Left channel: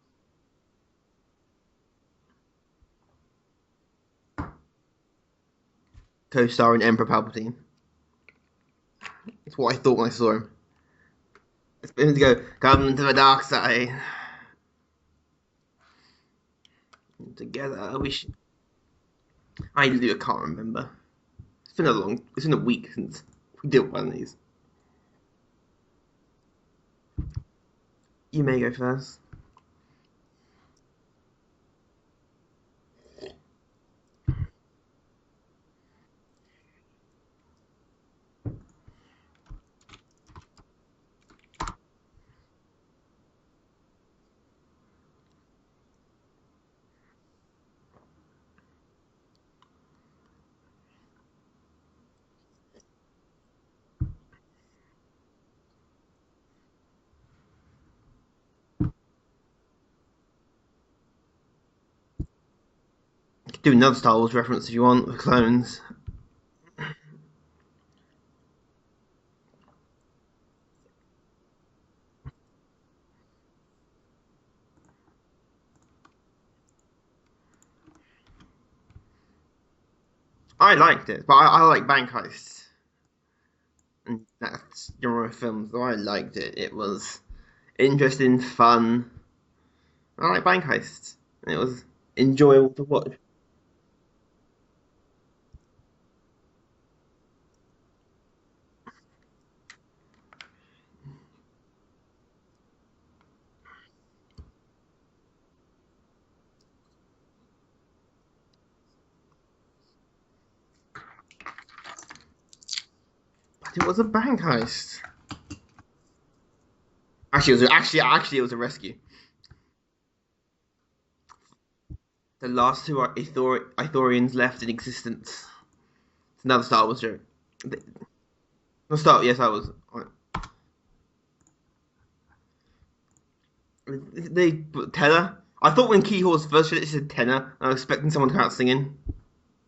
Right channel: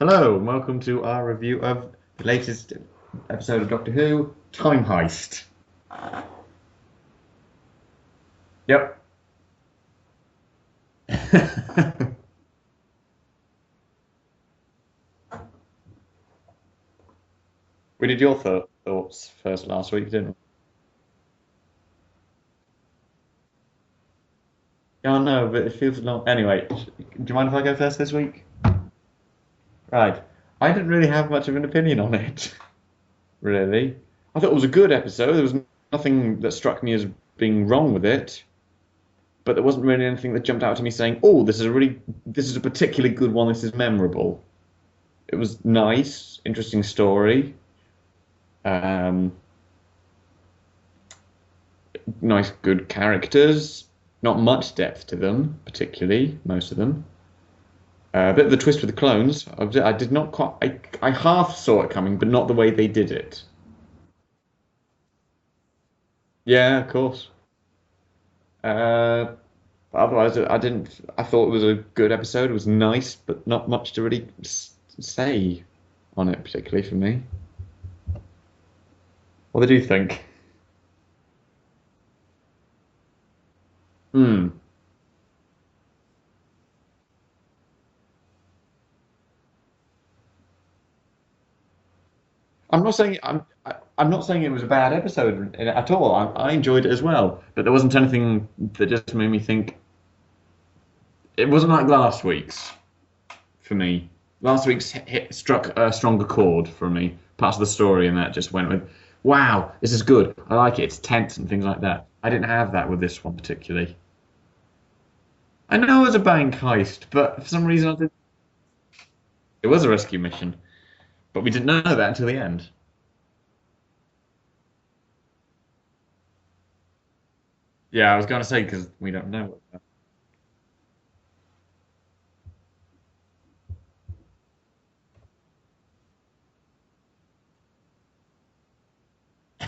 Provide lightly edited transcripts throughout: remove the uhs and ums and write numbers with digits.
Hello, and welcome to our review of the latest episode of Doctor Who, Time Heist. Co-starring Emperor Palpatine. Yep. It's what I thought when I saw him. Him to go, come to the dark side. Together. What did your thoughts first I last week, really Jim? can't remember. It's been a week since we did one of these. Oh no, but it feels long. Anyway, do you mind if I go first this week? You may go first. Right. I didn't really have much of an opinion on it, really. I thought it was a good episode. There was nothing that struck me as being wrong with it, but there wasn't really anything that jumped out to me saying, "Oh, this is a particularly good one. This is memorable." It was nice, interesting story. Um, nice, good characters. Not much depth to them, particularly most of them. A bit of the twist with the clones. I did not quite. I half saw it coming, but not the way they did it. You could do another Star Wars reference if you want, with clones. Yeah, of course. But otherwise, I didn't. I thought it was a good episode. It was nice, but not much to really say on it, particularly for me. What did you think? I liked it, but I like bank heists. And Hmm. that's genre of films, so I liked it. It was interesting, fun. I like bank heists. It was enjoyable to I'm not watch. saying I'm not saying it was a bad episode at all. I enjoyed it as well, but there wasn't anything that just made me think. It wasn't like last week's for me. Last week's struck a stronger chord for me. Parts of the story and that just went with, wow, this is good. I like it. It's tense and things like that. I didn't have that with this one It particularly. was a bank heist. I know it was a bank heist, but for Actually, some reason it was a rescue. it was a rescue mission. But we didn't know that until the The end. last two Ithorians left in existence. It's another Star Wars joke. Yeah, I was going to say because No, Star. Yes, I was. They tenor. I thought when Keyhorse first said it said tenor, I was expecting someone to come out singing.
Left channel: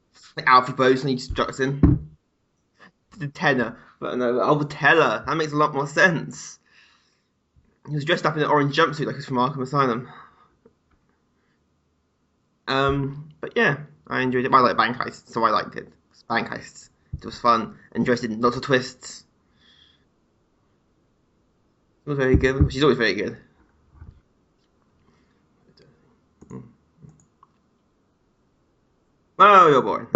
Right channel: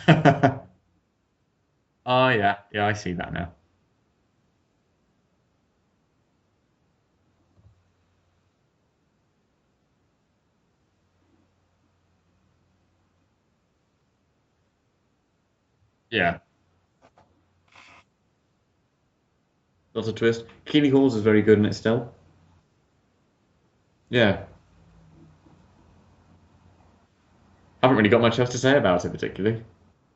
Like Alfie Bose and he just struts in. Oh yeah, yeah, I see The that now. tenor. But no, oh, the teller. That makes a lot more sense. He was dressed up in an orange jumpsuit like he's from Arkham Asylum. But yeah, I enjoyed it. I like bank heists, so I liked it. Yeah, Bank heists. It was fun, interesting, lots of twists. lots of twist. Keely Halls is very good in it still. It was very good. She's always very good. Yeah, haven't really got much else to say about it particularly. Oh, you're boring.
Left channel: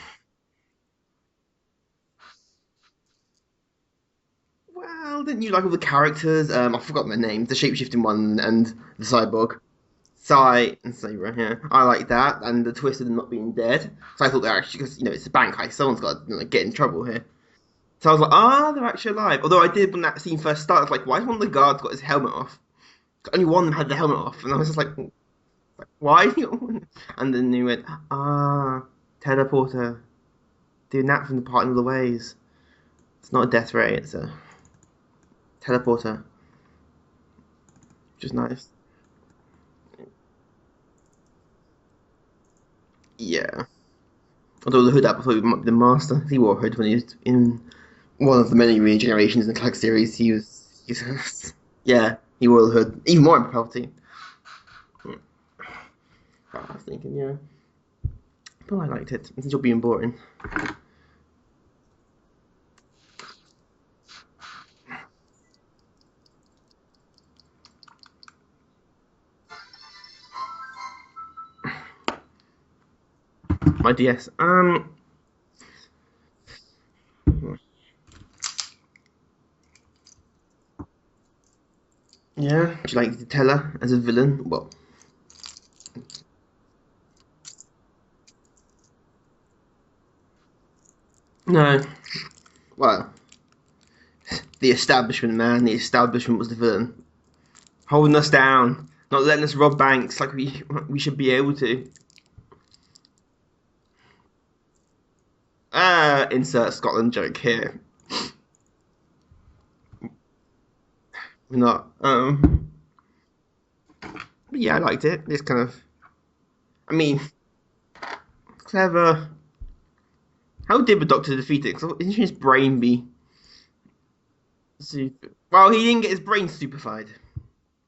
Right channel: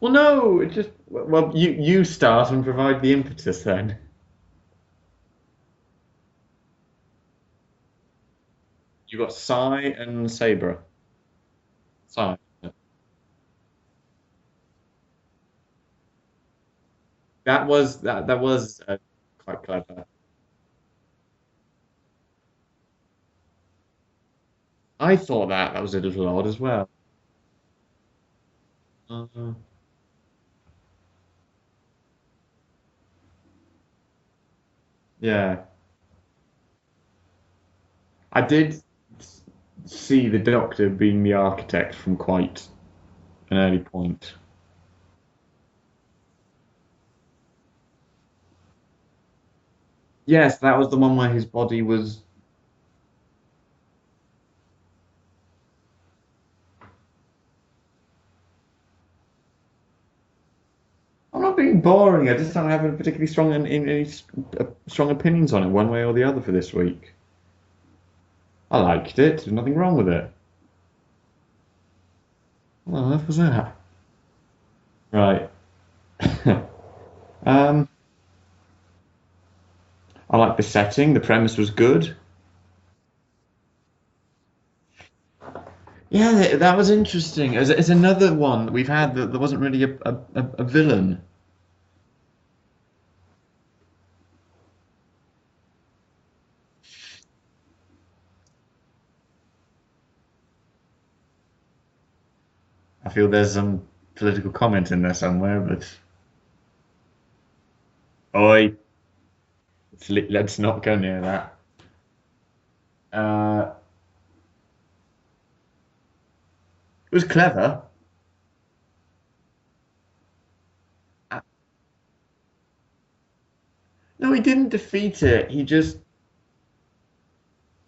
Well, no, it just you start and provide the impetus then. Well, didn't you like all the characters? I forgot their names. The shapeshifting one and the cyborg. Sai and Sai Saber. and Saber, yeah. I like that, Ah, and the twist of them not being dead. So I thought they're actually, because, it's a bank heist, someone's got to get in trouble here. that was So I was like, that was. they're actually alive. Although I did, when that scene first started, I was like, why has one of the guards got his helmet off? Only one of them had the helmet off, and I was just like, I thought that was a little why? bit odd as well. And then he went, Um, teleporter, doing that from the parting of the ways. It's not a death ray, it's a yeah, teleporter. Just I nice. did see the Doctor being the architect from quite Yeah. an early point. Although the hood up, I thought he might be the master. He wore a hood when he was in one of the many regenerations in the Clark series. Yes, that was the one where his body was. Yeah, he wore the hood. Even more in Palpatine. I was thinking, yeah. But I liked it. Since you're being boring. I'm not being boring. I just don't have a particularly strong any strong opinions on it, one way or the other, for this week. I liked it. There's nothing wrong with it. What on earth was that? My DS. Right. um, I like the setting. The premise was good. Yeah. Do you like the Teller as a villain? Well, Yeah, that was interesting. It's another one that we've had that there wasn't really a villain. no. Well, the establishment, man. The establishment was the villain. Holding us down. Not letting us rob banks like we should be able to. I feel there's some political comment in there somewhere, but Insert Scotland joke here. oi, let's not go near that. Not. Uh, But yeah, I liked it. It's kind of. I it mean, was clever. clever. How did the Doctor defeat it? Because didn't his brain be? No, he didn't defeat it. Well, he didn't get his brain stupefied.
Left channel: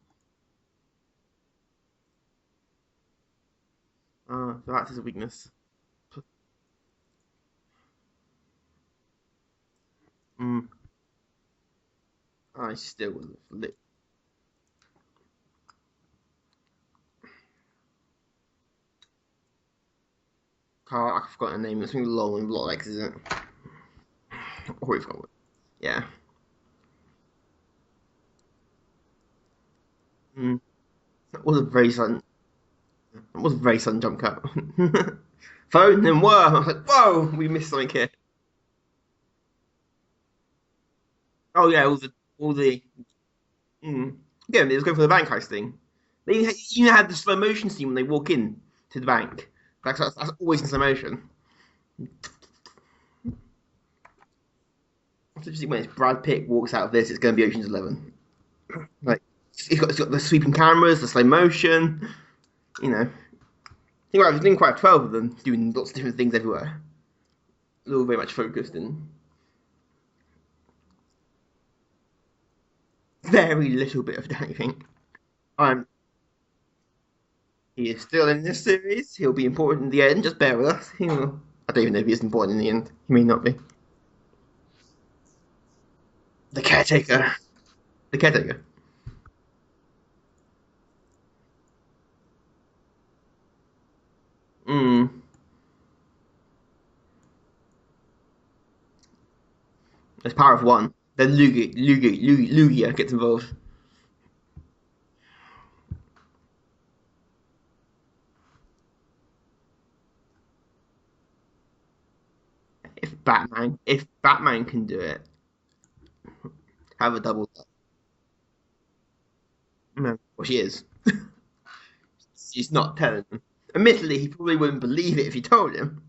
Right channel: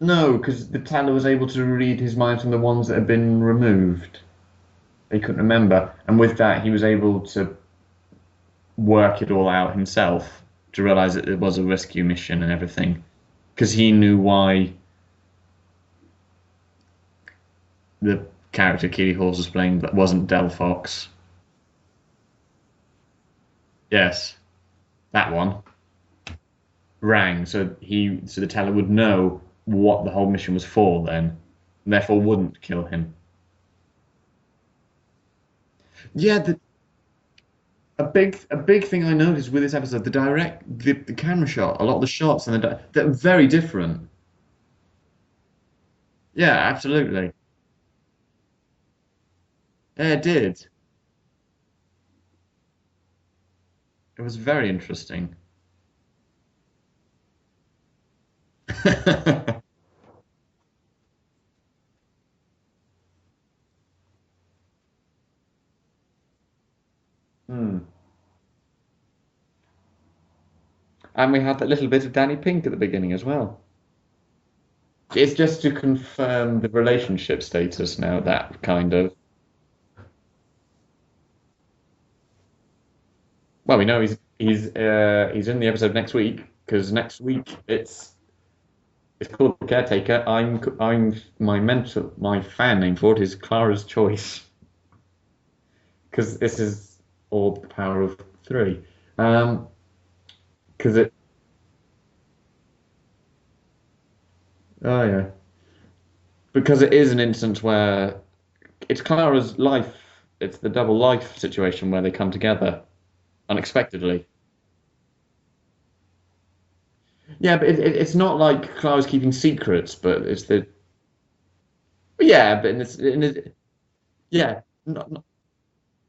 No, because the Teller was able to read his mind from the ones that had been removed. So that's his He couldn't weakness. remember, and with that, he was able to work it all out himself Mm. to realize that it was a rescue mission and I everything. still wouldn't. Because he knew why the character Keely Hawes was playing that wasn't Del Fox. Oh, I forgot her name. It's something long and lot X, isn't it? Yes, Already forgot. that one Yeah. rang, so the Teller would know what the whole mission was for. Then, It was a very therefore, sudden. wouldn't kill him. It was a very sudden jump cut. Phone and whoa! Yeah, I was like, whoa, we missed something A here. big thing I noticed with this episode, the camera shot, yeah, a lot of the shots, all and the- they're very different. Mhm. Yeah, it was going for the bank heist thing. They even Yeah, had the absolutely. slow motion scene when they walk in to the bank. That's, Yeah, it that's did. always in slow motion. It was very interesting. Especially when it's Brad Pitt walks out of this, it's going to be Ocean's 11. It's got the sweeping cameras, the slow motion. You know, I think I think quite 12 of them doing lots of different things everywhere. It's all very much focused and And we had that little bit of Danny Pink at the beginning as well. very little bit of Danny Pink. It's just to I'm- confirm the relationship status He's now. still in That this kind series. of. He'll be important in the end. Just bear with us. He will. I don't even know if he is important in the end. He may not be. Well, we know he's in the episode next week. The 'Cause caretaker. Next week The caretaker. it's called The Caretaker. My fan name for it is Clara's Choice Mm. because this is all the power of three. There's power of one. 'Cause it- Then Lugia gets involved. Oh yeah. Because it is an instance where it's Clara's life. It's the double life situation where they come together. If Unexpectedly. if Batman can do it, have a double. Yeah, but it's not like Clara's keeping secrets, but it's Well, she is. Yeah, She's but not telling. Admittedly, he probably Yeah. wouldn't believe it if you told him.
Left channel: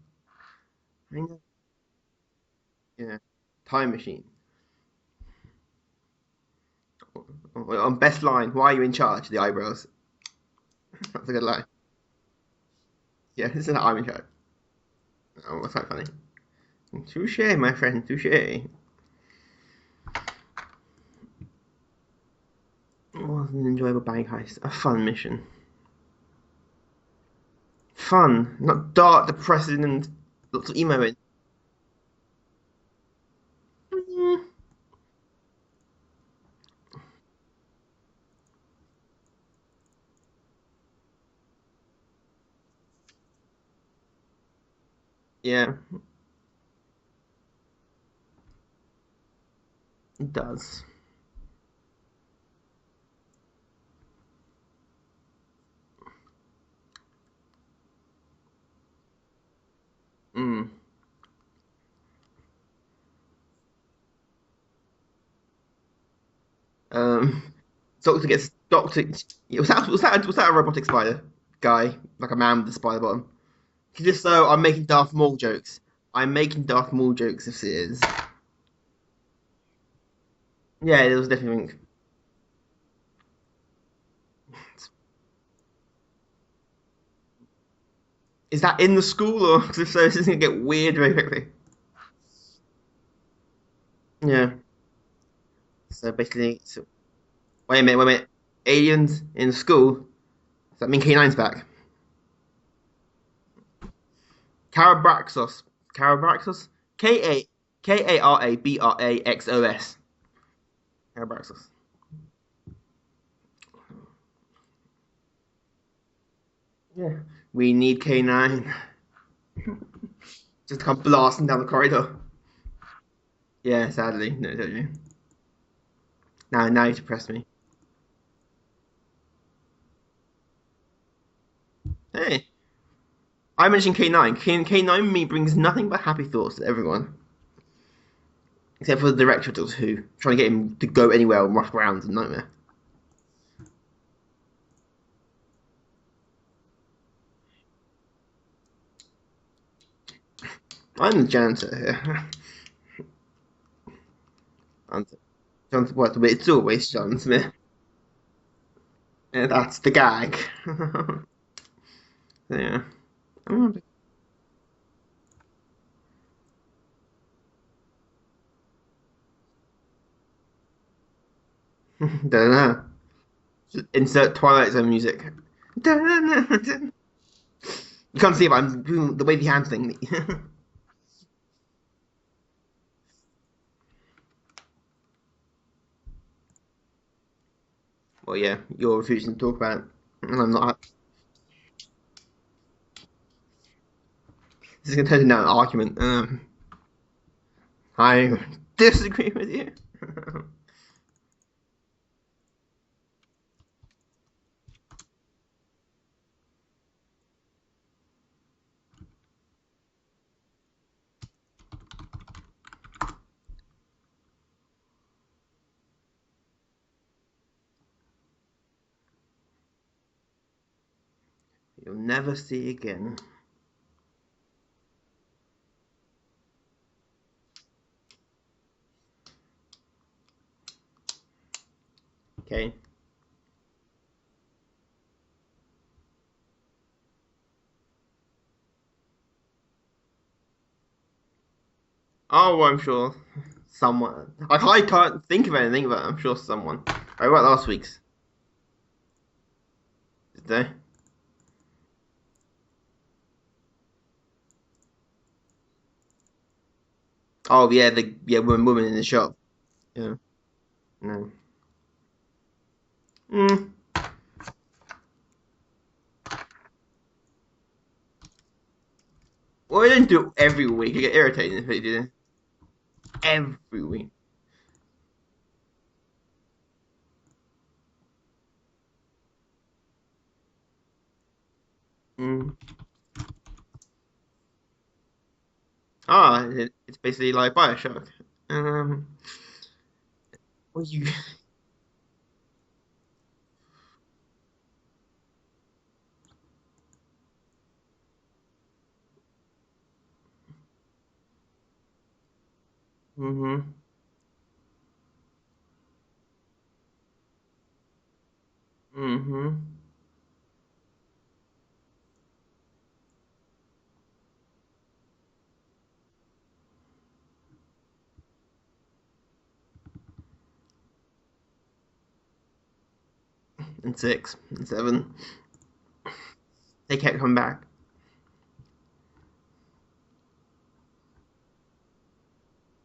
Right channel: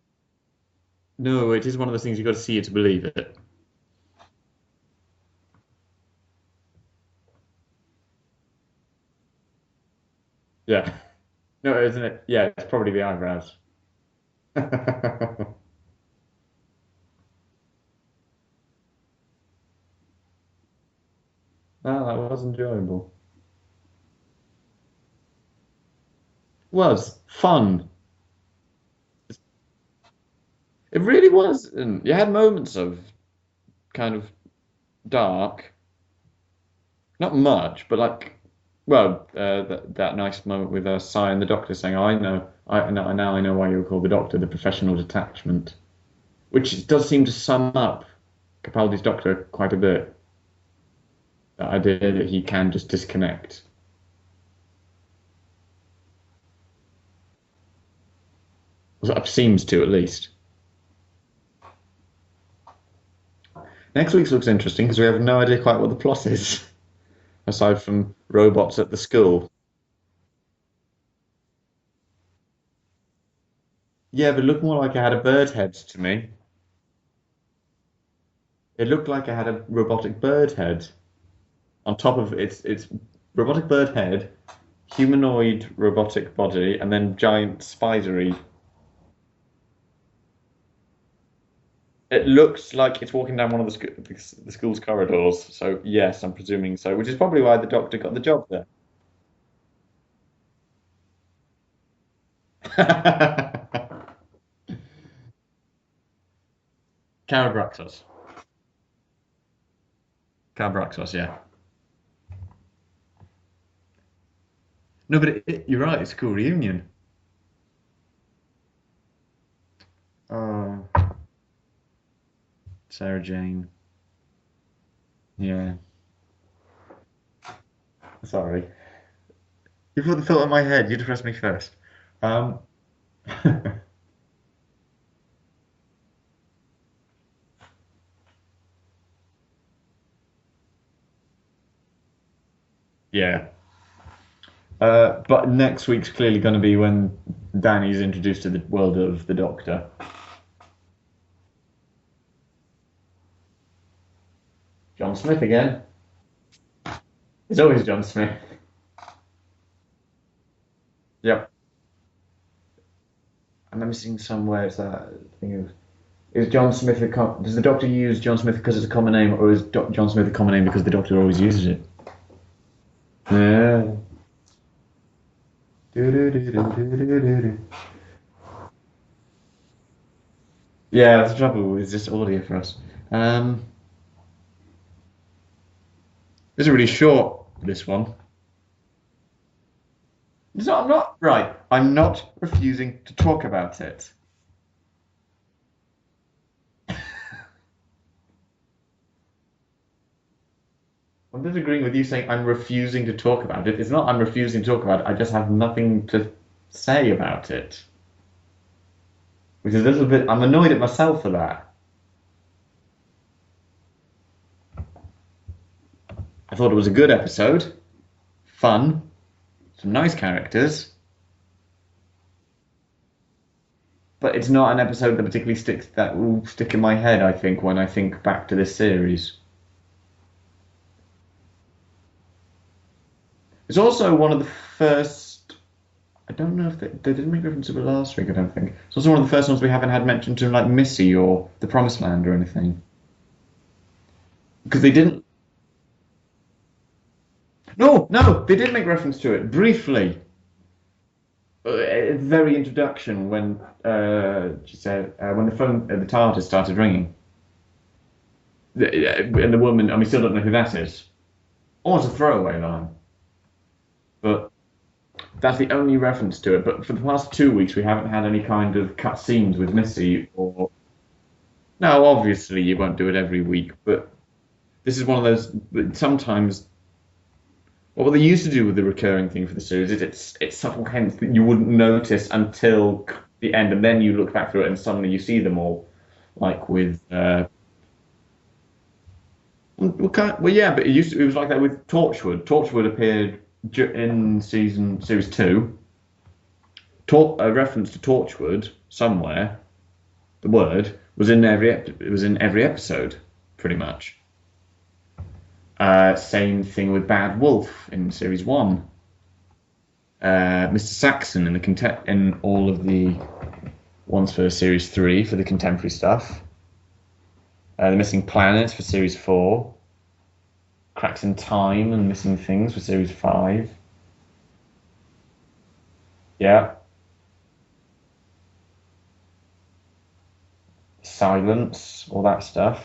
no, it is one of those things you've got to see it to believe Yeah. it. Time machine. On best line, why are you in charge? The eyebrows. Yeah. That's a good line. No, isn't it? Yeah, it's probably the eyebrows. Yeah, isn't that I'm in charge? Oh, that's quite funny. Touche, my friend, touche. Well, that was enjoyable. It was an enjoyable bank heist. A fun mission. Was fun. Fun, not dark, depressing, and lots of emo. It really was. And you had moments of kind of Mm-hmm. dark. Not much, but like, well, that nice moment with Cy and the Doctor saying, "Oh, now I know why you were called the Doctor, the professional detachment." Yeah, Which does seem to sum up Capaldi's Doctor quite a bit. it does. That idea that he can just disconnect. Well, it seems to, at least. Mm. Next week's looks interesting because we have no idea quite what the plot is, aside from Doctor gets robots at Doctor, the school. Yeah, was that a robotic spider guy, like a man with a spider bottom? Just Yeah, so it looked I'm making more like it had Darth a Maul bird head jokes. to me. I'm making Darth Maul jokes if it is. It looked like it had a robotic bird head. Yeah, it was definitely. On top of its robotic bird head, humanoid robotic body, and then giant spidery. Is that in the school, or because if so, this is gonna get weird very quickly. It looks like it's walking down one of the Yeah. school's corridors. So yes, I'm basically- presuming so, which is probably why the Wait a minute, doctor wait a got the job there. Aliens in school. Does that mean K9's back? Carabraxos. Carabraxos? Carabraxos. Karabraxos. Carabraxos, yeah. Carabraxos. No, but you're right. It's a cool reunion. Yeah. We need K9. Oh, Just come blasting down the corridor. Sarah Jane. Yeah, sadly. No, don't you? Yeah. Now you depressed me. Sorry. You put the thought in my head. You depressed me first. Hey, I mentioned K9. K9 me brings nothing but happy thoughts to everyone. Except for the director of Doctor Who. Trying to get him to go anywhere and rush around is a nightmare. Yeah. But next week's clearly going to be when Danny's introduced to the world of the Doctor. I'm the janitor here. John Smith again. It's always John Smith. It's always John Smith. Yeah, that's the gag. Yep. Yeah. And I'm seeing somewhere it's that thing of, is John Smith does the Doctor use John Smith because it's a common name, or is John Smith a common name because the Doctor always uses it? Don't know. Yeah. Insert Twilight Zone music. You can't see it, but I'm doing the wavy hand thing. Yeah, that's the trouble. It's just audio for us. This is really short, this one. Well, yeah, you're refusing to talk about it, and I'm It's not. not, I'm not right. I'm not refusing to talk about it. This is going to turn into an argument. I disagree with you. I'm disagreeing with you saying I'm refusing to talk about it. It's not I'm refusing to talk about it. I just have nothing to say about it. Which is a little bit. I'm annoyed at myself for that. I thought it was a good episode. Fun. Some nice characters. You'll never see again. But it's not an episode that particularly will stick in my head, I think, when I think back to this series. Okay. It's also one of the first. I don't know if they didn't make reference to it last week. I don't think it's also one of the first ones we haven't had mentioned to, like Missy or the Promised Land or anything. Oh, I'm sure someone. I They can't think of anything, but I'm sure someone. I wrote last week. No, they did make reference to it briefly. Did they? At the very introduction when she said when the phone at the TARDIS started ringing. Oh yeah, woman in the shop. And the woman, and we still don't know who that is. No. Almost a throwaway line. But that's the only reference to it. But for the past 2 weeks, we haven't had any kind of cut scenes with Well, we Missy. don't do it every week. You get irritated if it No, obviously you won't do it every week. week. But this is one of those. Sometimes, what they used to do with the recurring thing for the series is it's subtle hints that you wouldn't notice until the end, and then you look back through it and suddenly you see them all. It's basically like Bioshock. Well, yeah, but it was like that with Torchwood. Torchwood appeared in series 2. A reference to Torchwood somewhere. The word was in every episode, pretty much. Same thing with Bad Wolf in series 1. Mr. Saxon in all of the ones for series 3 for the contemporary stuff. The Missing Planets for series 4. Cracks in Time and Missing Things for series 5. And 6 and 7. Yeah. They kept coming back. Silence, all that stuff.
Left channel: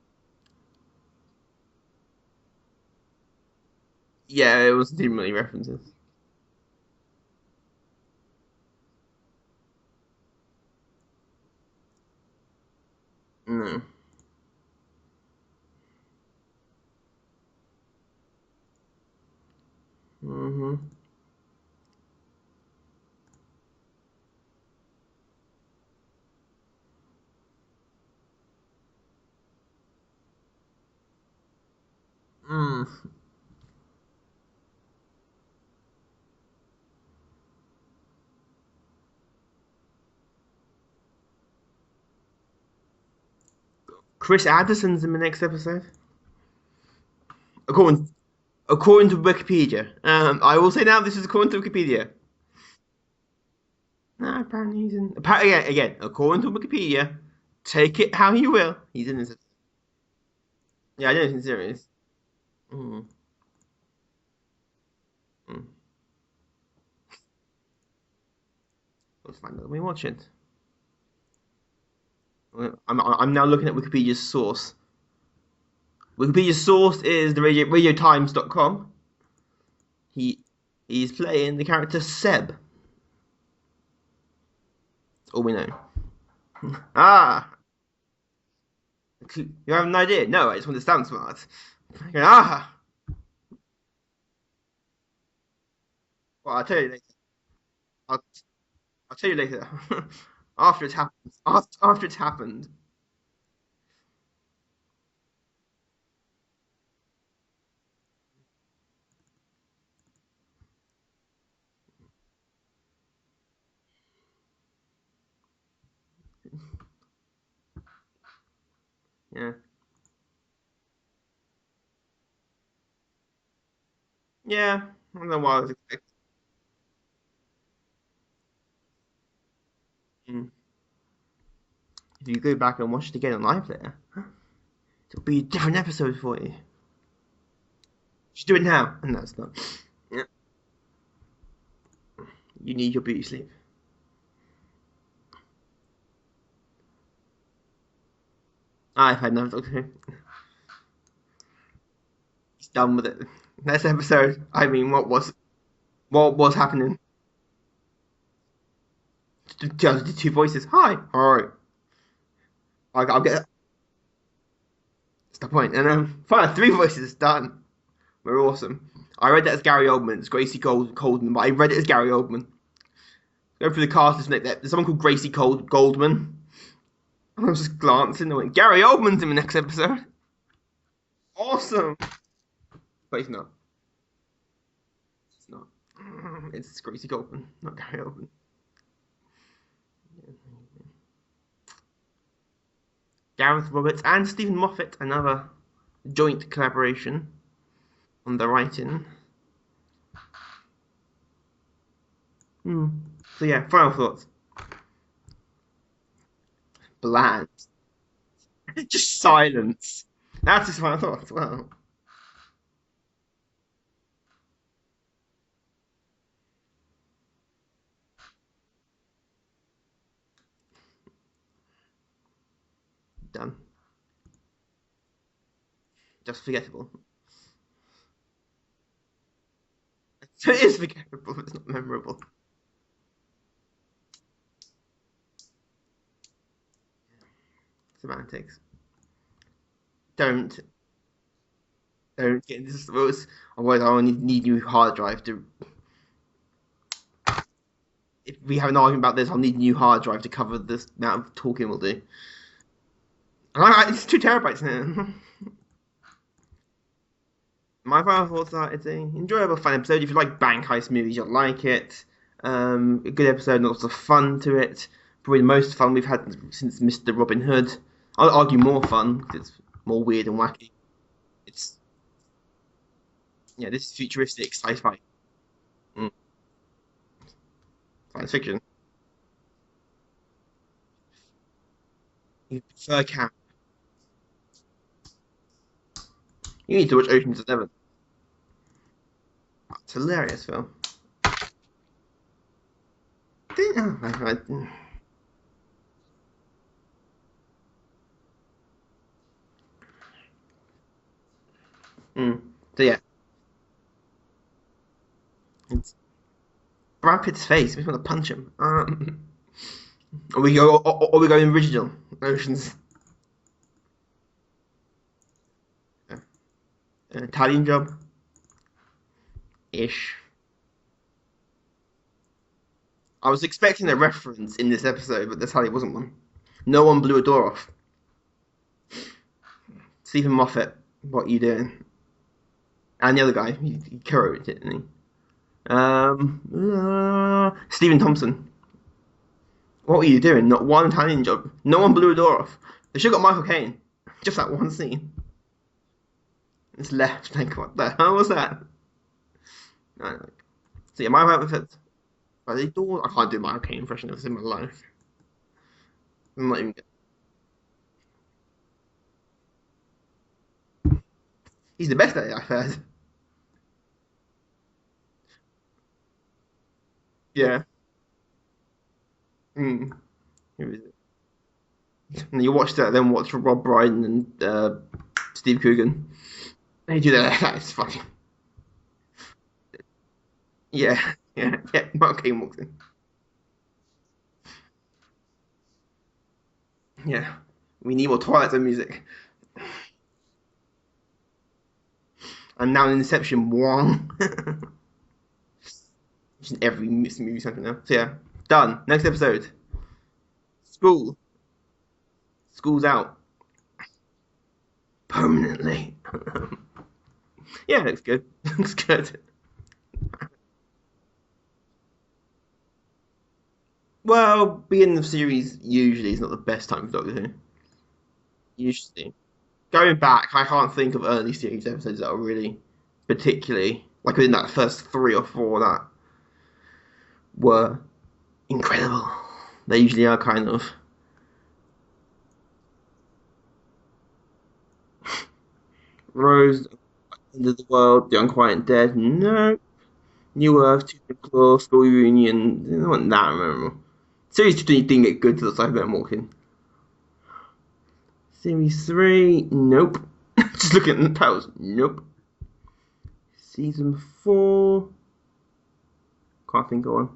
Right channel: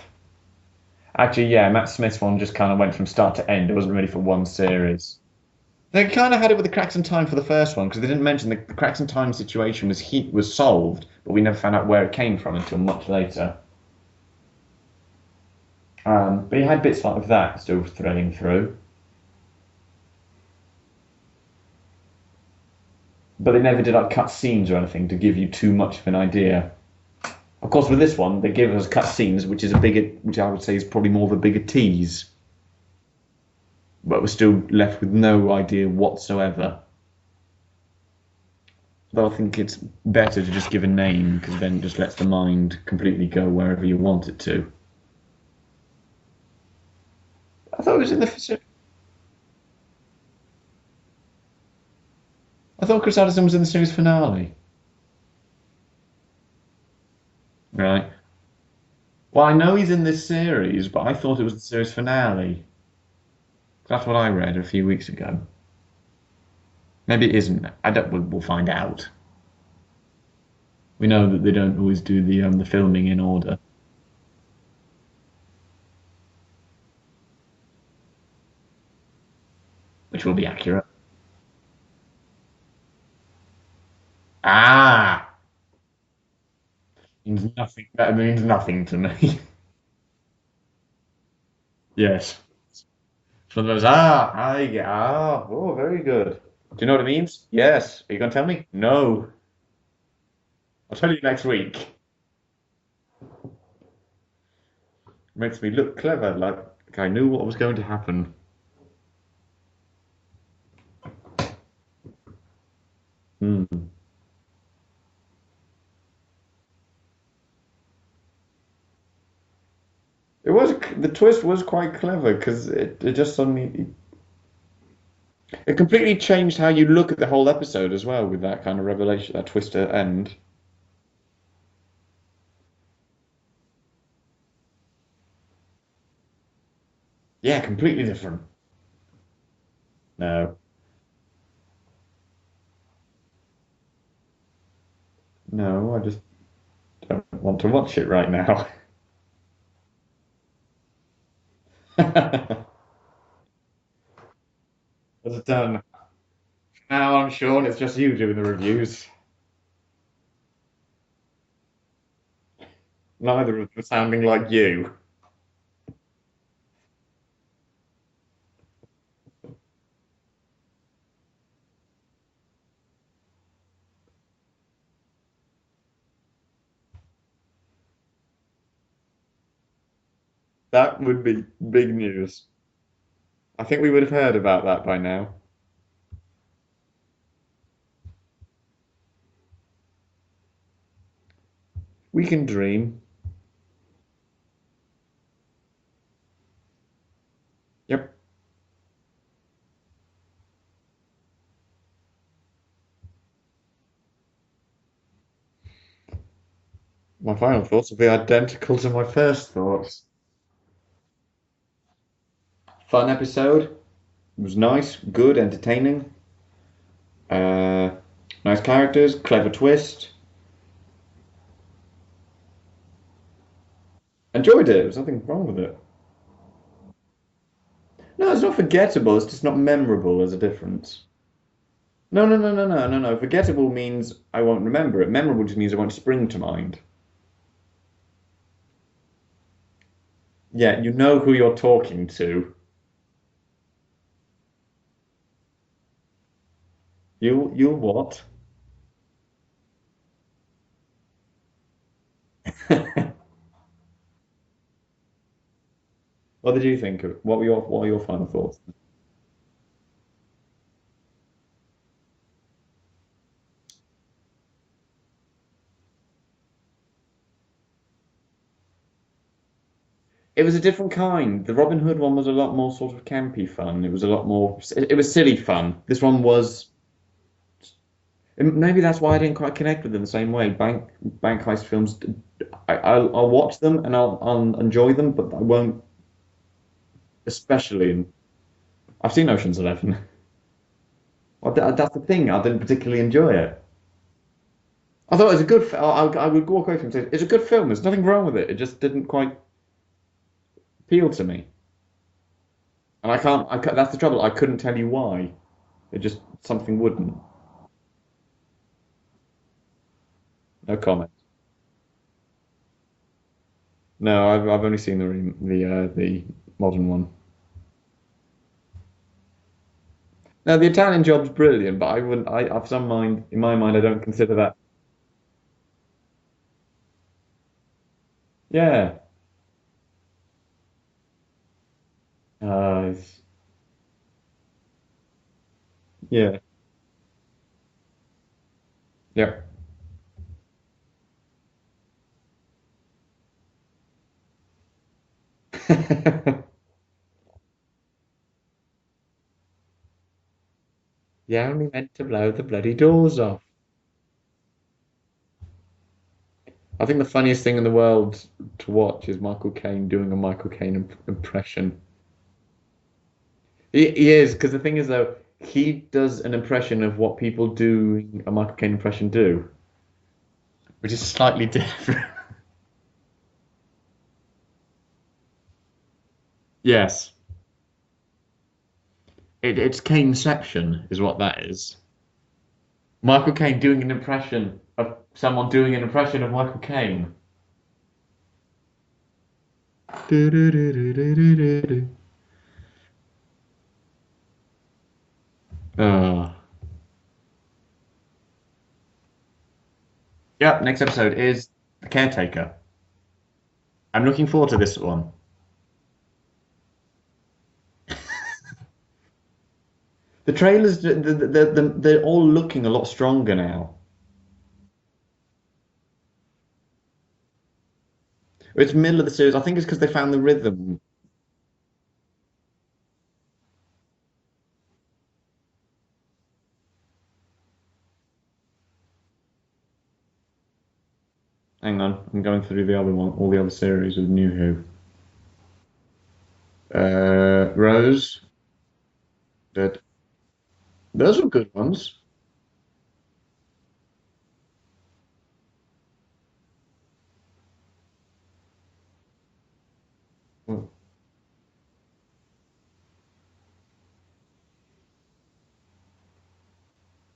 Actually, yeah, Matt Smith's one just kind of went from start to end. It wasn't really for one series. Yeah, it wasn't too many references. They kind of had it with the Cracks in Time for the first one because they didn't mention the Cracks in Time situation was solved, but we never found out where it came from until much later. But you had bits like that still threading through. But they never did like cut scenes or anything to give you too much of an idea. Of course, with this one, they give us cut scenes, which I would say is probably more of a bigger tease. But we're still left with no idea whatsoever. But I think it's better to just give a name because then it just lets the mind completely go wherever you want. Chris Addison's in the next episode. According to Wikipedia. I will say now this is according to Wikipedia. I thought Chris Addison was in the series finale. Apparently he's in. Again, according to Wikipedia, take it how you will. He's in this. Well, I know he's in this series, but I thought it was the series. series finale. That's what I read a few weeks ago. Maybe it isn't. We'll find out. We'll find out when we watch it. We know that they don't always do the filming. I'm now looking at Wikipedia's source. Wikipedia's source is the radiotimes.com. Which will be accurate. He's playing the character Seb. Ah! All we know. That means nothing to me. You have an idea? No, I just want to sound smart. Yes. One of those, oh, very good. Well, I'll tell you. Do you know what it means? Yes. Are you going to tell me? No. I'll tell you later. After it's happened. Next week. After it's happened. Makes me look clever, like I knew what was going to happen. Yeah. The twist was quite clever because it just suddenly. Yeah, I don't know why. It completely changed how you look at the whole episode as well with that kind of revelation, that twist at end. If you go back and watch it again on live there, it'll be a different episode for you. Yeah, completely different. Just do it now. And that's not. No. You need your beauty sleep. No, I just don't want to watch it right now. I've had enough Doctor Who. It's done with it. Next episode. I mean, It's done. what was happening? Now I'm sure it's just you doing the reviews. Just two voices. Hi. All right. I'll get. Neither of them sounding like you. That's the point. And fine, three voices done. We're awesome. I read that as Gary Oldman. It's Gracie Goldman, but I read it as Gary Oldman. Go through the cast list. There's someone called Gracie Goldman. And I was just glancing and went, Gary Oldman's in the next episode. That would be Awesome. big news. But he's not. I think we would have heard about that by now. It's not. It's Gracie Goldman, not Gary Oldman. We can dream. Gareth Roberts and Stephen Moffat, another joint collaboration. Yep. On the writing. So yeah, final thoughts. Bland. My final thoughts will be identical to my Just first silence. thoughts. That's his final thoughts. Wow. Fun episode. It was nice, good, entertaining. Nice characters, clever twist. Done. Enjoyed it. There's nothing wrong with it. Just forgettable. No, it's not forgettable. It's just not memorable as a So it is difference. forgettable, but it's not memorable. No. Forgettable means I won't remember it. Memorable just means it won't spring to mind. Semantics. Don't. Yeah, you know who you're talking to. Don't get this. Otherwise, I will need new hard drive to. You what? If we have an argument about this, I'll need a new hard drive to cover this amount of talking we'll do. It's 2 terabytes now. What did you think of it? What were your My final final thoughts are it's an enjoyable, fun episode. If you like bank heist movies, you'll like it. A good episode, lots of fun to it. Probably the most fun we've had since Mr. Robin Hood. I'll argue more fun because it's more weird and It was a different kind. The Robin Hood one was a lot more sort of campy fun. this It is was a lot more. futuristic, sci-fi. It was silly fun. This one was. science fiction. Maybe that's why I didn't quite connect with them the same way. Bank heist films. like I'll watch them and I'll enjoy them, but I won't. You need to watch Ocean's 11. Especially. I've seen Ocean's It's a 11. hilarious film. That's the thing. I didn't particularly enjoy it. I thought it was a good. I would walk away from it and say it's a good film. There's nothing wrong with it. It just didn't quite appeal to me. So yeah, And I can't. That's the trouble. I couldn't tell you why. It just something wouldn't. Brad Pitt's face makes me want to punch him. Or we go original Ocean's. No, I've only seen the modern one. Italian Job. Ish. No, the Italian Job's brilliant, but I wouldn't. I've some mind. I was in my mind, I expecting a don't consider reference that. in this episode, but there totally wasn't one. No one blew a door off. Yeah. Stephen Moffat, what are you doing? And the other guy, he co-wrote it, didn't he? Stephen Thompson. Yeah. What were you doing? Not one Italian Job. No one blew a door off. They should have got Michael Caine. Just that one scene. It's left. Like, what the hell was that? I don't know. So yeah, my Yeah, we meant to blow the bloody doors I off. do Michael Caine impression of this in my life. I'm not even. I think the funniest thing in the world to watch is Michael Caine doing a Michael Caine impression. He's the best at it, I've heard. He is, because the thing is though, he does an impression of what people doing a Michael Caine impression do, which is slightly different. And you watch that, then watch Rob Brydon and Steve Coogan. Yes. They do that. That's funny. It's Caneception is what that is. Yeah, Michael Caine walks in. Michael Caine doing an impression of someone doing an impression of Michael Caine. Yeah. We need more Twilight Zone music. And now in Inception, Wong. Just in every movie something now. So yeah, done. Next episode. Yeah, next episode is The Caretaker. School's out. I'm looking forward to this one. Permanently. Yeah, it's good. Looks good. The trailers, they're all looking a lot stronger now. Well, beginning of the series usually is not the best time for Doctor Who. It's the middle of the series. I think it's because they Going found the back, I rhythm. can't think of early series episodes that are really particularly, like within that first 3 or 4 that were incredible. They usually are kind of. Hang on, I'm going through the other one, all the other series with New Who. Rose, the World, Rose, The Unquiet Dead, no. Dead. New Earth, Those were good School ones. Reunion. It wasn't that memorable. Series 2 didn't get good till the Cybermen walk in. Series 3, nope. Just looking at the titles, nope. Season 4, can't think of one.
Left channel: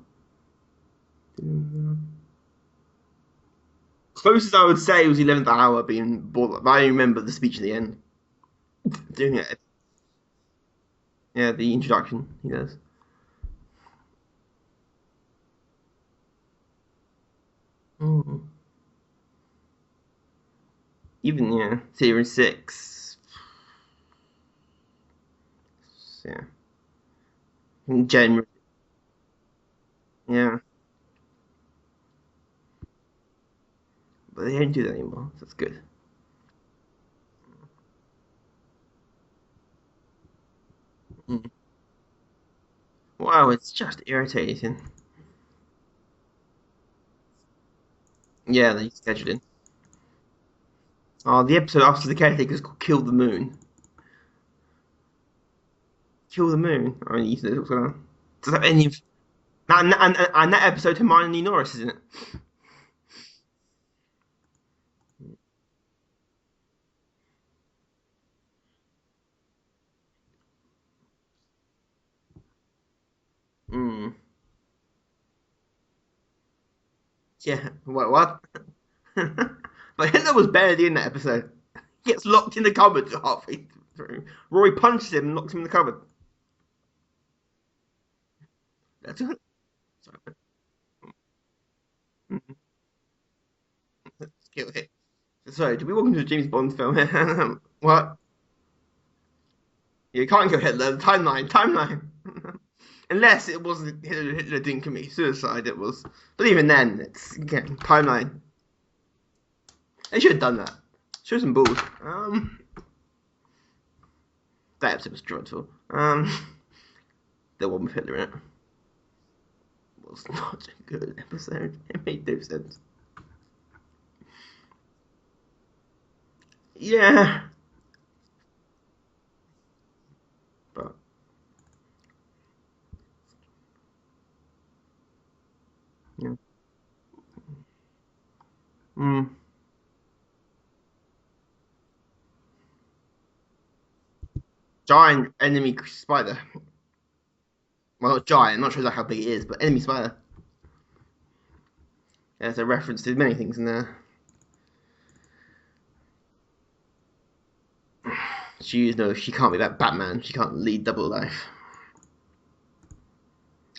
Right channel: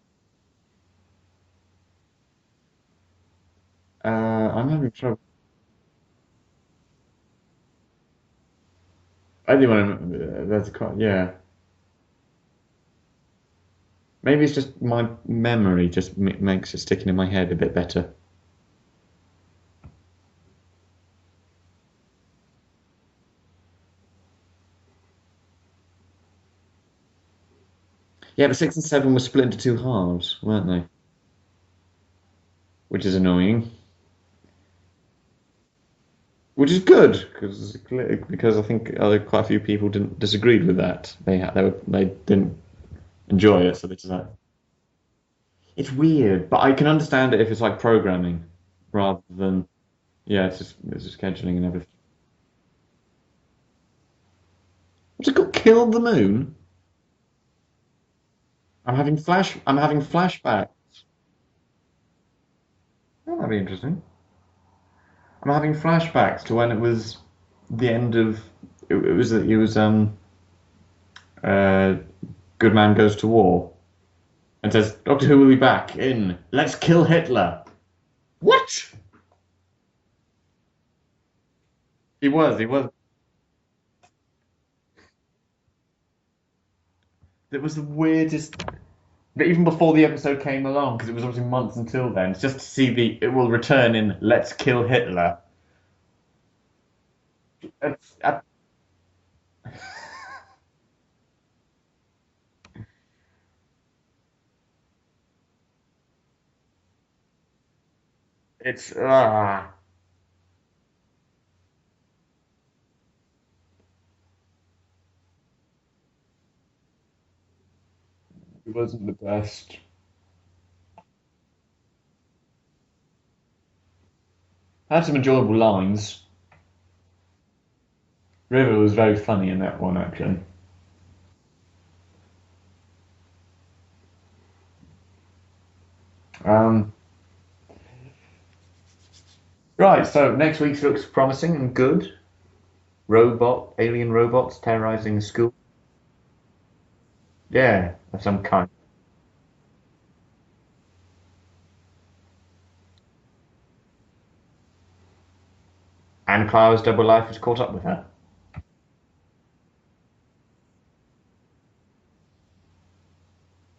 Closest I would say was 11th Hour being bored, but I remember the speech at the end. Doing it. Anyone, yeah. Yeah, the introduction he does. Maybe it's just my memory just makes it sticking in my head a bit better. Even, yeah, Series 6. Yeah. Yeah, but 6 and 7 were split into two halves, Yeah. weren't they? Which is annoying. But they don't do that anymore. So that's good. Which is good because I think quite a few people didn't disagreed with that. They didn't Wow, enjoy it's it. just irritating. It's weird, but I can understand it if it's like programming Yeah, they rather scheduled it. than it's just Oh, the scheduling. episode after the caretaker's called Kill the Moon. What's it called? Kill the Moon? Kill the Moon. I mean, you said what's going on. Does that have any? I'm having flashbacks. And that episode, Hermione Norris, isn't it? Oh, that'd be interesting. I'm having flashbacks to when it was the end of it was Good Man Goes to War and says Doctor Who will be back in Let's Kill Hitler. Yeah. What? What? But Hitler was barely in that episode. He gets He locked was, in he the was. cupboard halfway through. Rory punches him and locks him in the cupboard. It was the weirdest. That's it. But even before the episode came along, because it was obviously months until then, just to see it will return in Let's Kill Hitler. Sorry, did we walk into a James Bond film here? What? You can't kill Hitler. Timeline. Unless it wasn't Hitler didn't commit suicide, it was. But even then, it's again timeline. It's They should have done that. Show some balls. That episode was dreadful. The one with Hitler in it. It wasn't the best. It was not a good episode. It made no sense. Had some enjoyable lines. Yeah. River was very funny in that one, actually. But yeah. Right, so next week's looks promising and good. Alien robots terrorizing Giant school. enemy spider. Yeah. Well, not giant. I'm not sure exactly how big it is, but enemy spider. There's a reference to many things in there. And Clara's double life has caught up with her. She can't be that Batman. She can't lead double life.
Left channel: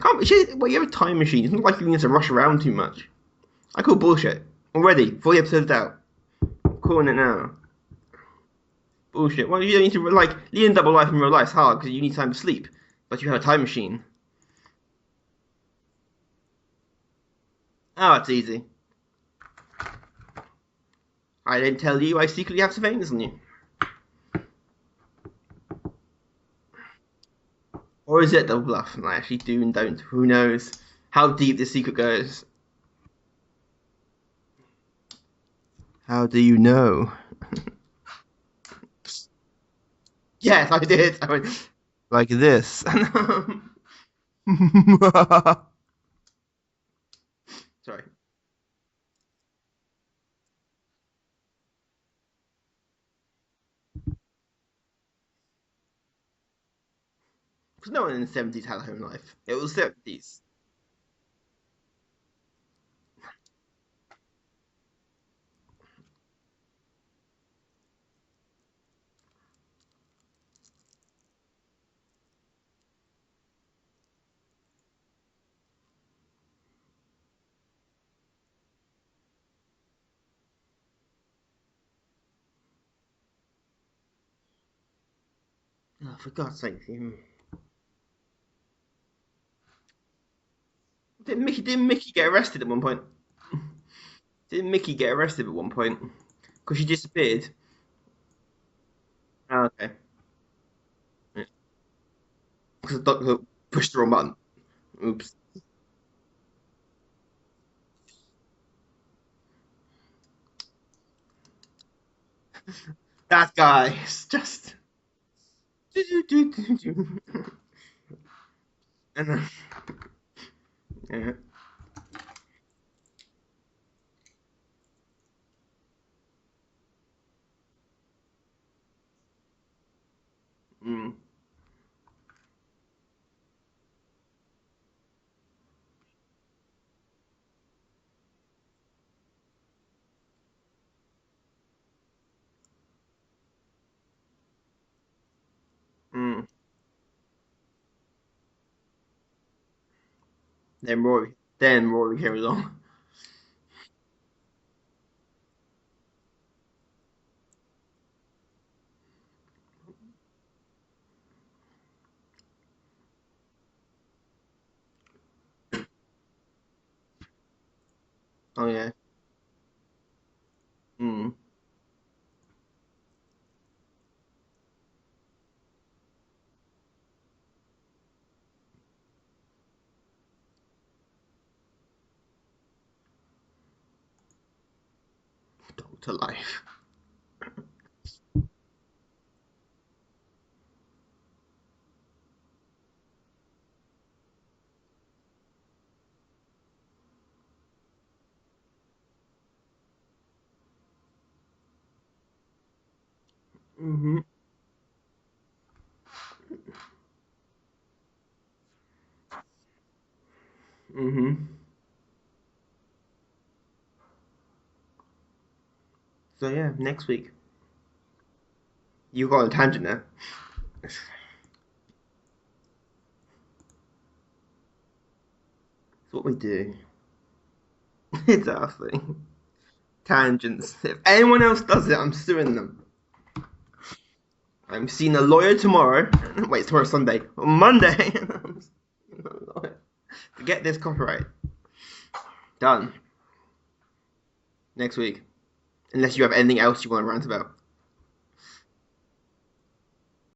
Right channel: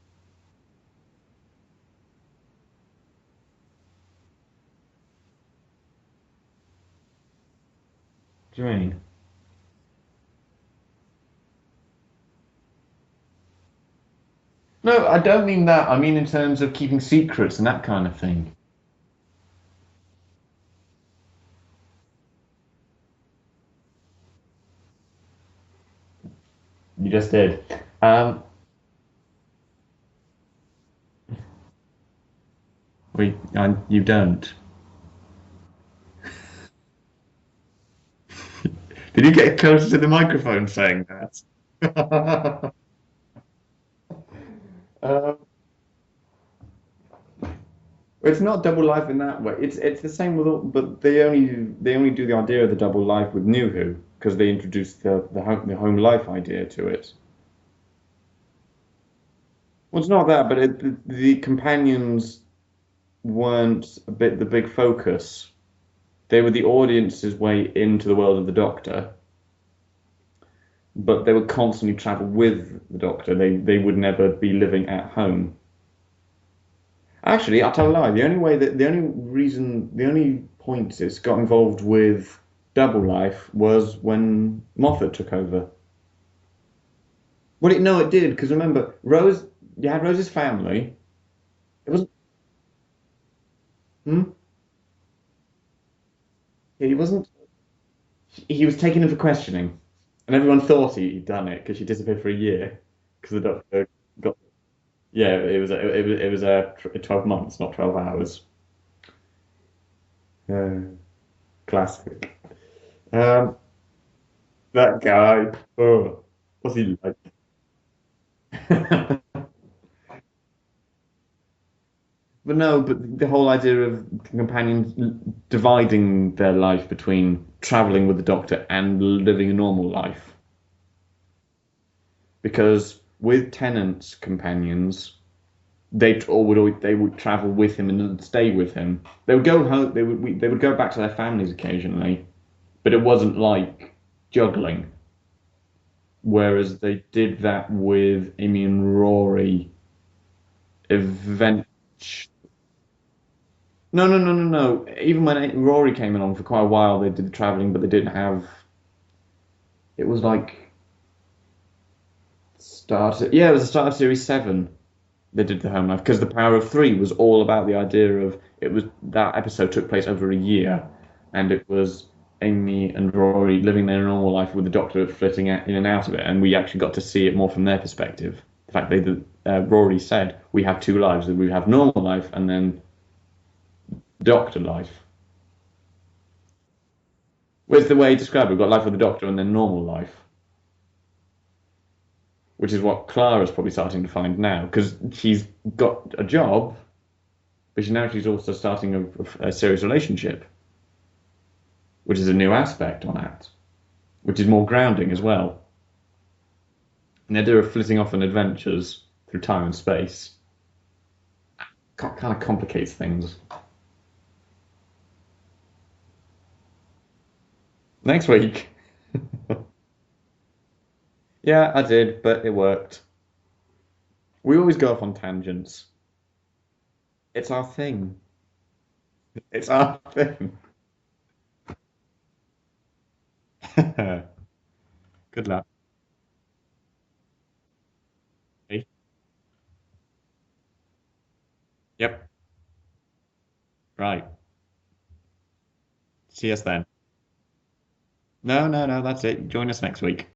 Can't be. Well, you have a time machine. It's not like you need to rush around too much. I call bullshit already. 4 episodes out. Calling it now. What do you mean? Bullshit. Well, you don't need to leading double life in real life is hard because you need time to sleep. But you have a time machine. No, I don't mean that. I mean in terms of keeping secrets and that kind of thing. Oh, it's easy. I didn't tell you I secretly have surveillance on you. You just did. Or is it double bluff? I actually do and don't. Who knows how deep this secret goes? You don't. How do you know? Did you get closer to the microphone? Yes, I did. I went like this. Sorry. It's not double life in that way. It's the same with all, but they only do the idea of the double life with New Who because they introduced the home life idea to it. Because no one in the 70s had a home life. It was 70s. Well, it's not that, but the companions weren't the big focus. They were the audience's way into the world of the Doctor, but they would constantly travel with the Doctor. They would never be living at home. Actually, I'll tell a lie. The only point it's got involved with double life was when Moffat took over. Oh, for God's sake. Well, it did, because remember, you had Rose's family. Didn't Mickey get arrested at one point? Hmm? Didn't Mickey get arrested at one point? Because she disappeared? He was taken in for questioning. Oh, okay. And everyone thought he'd done it, because she disappeared for a year. Because the doctor pushed the wrong button. Oops. Yeah, it was 12 months, not 12 hours. Classic. That guy is just... That guy. Oh, what's he like? And, yeah. But no, but the whole idea of companions dividing their life between traveling with the Doctor and living a normal life. Mm. Because with Tennant's companions, they would travel with him and stay with him. They would go home. They would go back to their families occasionally, but it wasn't like juggling. Mm. Whereas they did that with Amy and Rory. Event. Then Rory came along. No, no, no, no, no. Even when Rory came along for quite a while, they did the traveling, but they didn't have. It was like Yeah, it was the start of Series 7. They did the home life because the Power of Three was all about the idea of Oh it was yeah. that episode took place over a year, Mm. and it was Amy and Rory living their normal life with the Doctor flitting in and out of it, and we actually got to see it more from their perspective. The fact Rory said we have two lives: we have normal life and then Doctor life. Doctor life. Where's the way he described it? We've got life with the Doctor and then normal life, which is what Clara's probably starting to find now because she's got a job, but she's also starting a serious relationship, which is a new aspect on that, Mm-hmm. which is more grounding as well. And the idea of flitting off on adventures through time and space Mm-hmm. kind of complicates things. So yeah, next week. Next week. You got on a tangent there. Yeah, I did, but it worked. We always go off on tangents. It's what we do. It's our thing. It's our thing. It's our Tangents. If anyone else does it, I'm suing them. thing. I'm seeing a lawyer tomorrow. Wait, tomorrow's Sunday. On Monday. See? To get this copyright. Yep. Done. Right. Next week. Unless you have anything else you want to rant about. No, that's it. Join us next week.